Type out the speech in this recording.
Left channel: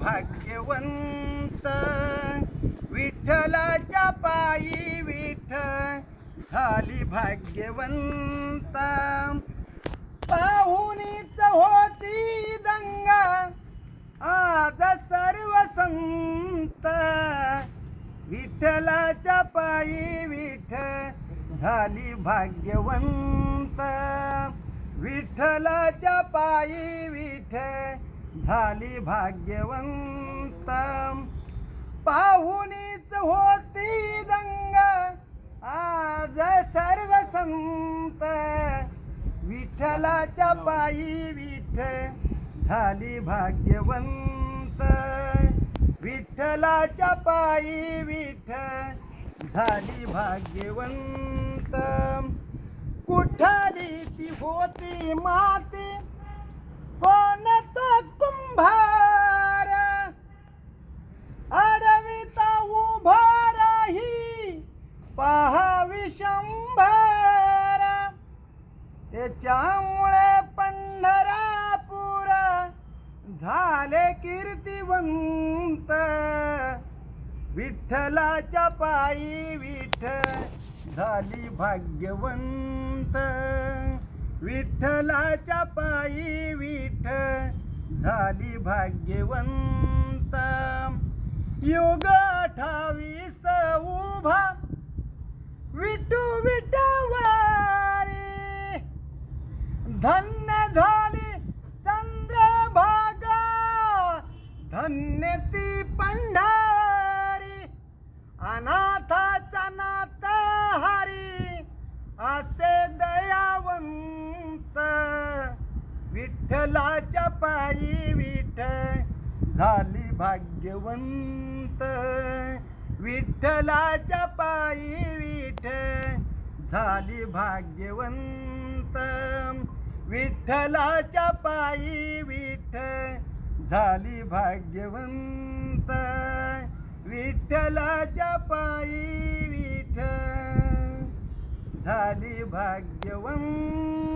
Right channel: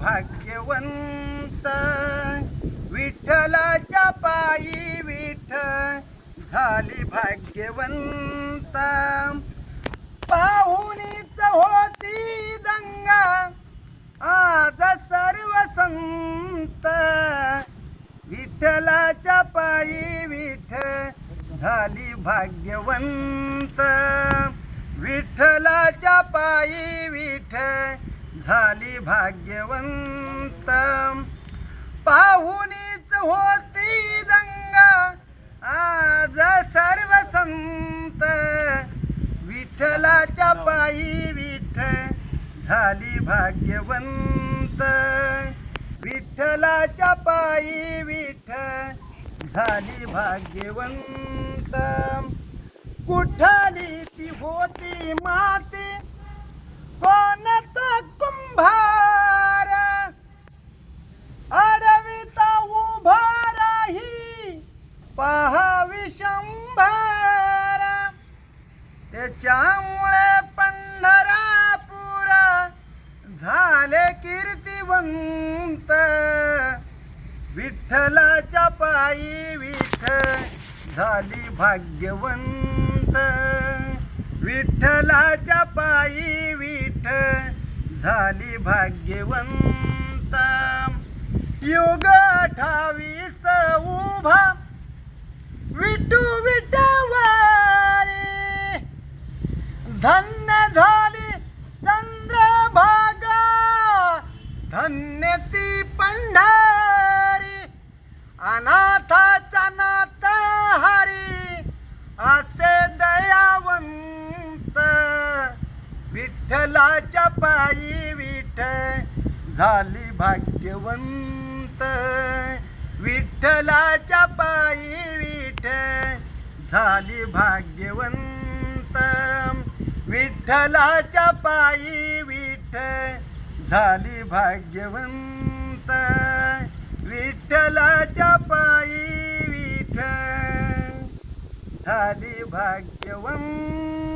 भाग्यवंत विठ्ठलाच्या पायी झाली भाग्यवंत पाहुणीच होती दंगा आज सर्व संत विठ्ठलाच्या पायी झाली भाग्यवंत विठ्ठलाच्या पायी झाली भाग्यवंत पाहुणीच होती दंगा आज सर्व संत विठ्ठलाच्या पायी झाली भाग्यवंत विठ्ठलाच्या पायी झाली भाग्यवंत कुठाली ती होती माती कोण तो कुंभार अडविता उभा राही पाहावी शंभर त्याच्यामुळे पंढरापूर झाले कीर्तिवंत विठ्ठलाच्या पायी झाली भाग्यवंत विठ्ठलाच्या पायी झाली भाग्यवंत युग 28 उभा विठू विठवारी धन्य झाली चंद्रभागा धन्य ती पंढरी अनाथाचा नाथ हरी असे दयावंत विठ्ठलाच्या पायी झाली भाग्यवंत विठ्ठलाच्या पायी झाली भाग्यवंत विठ्ठलाच्या पायी झाली भाग्यवंत विठ्ठलाच्या पायी झाली भाग्यवंत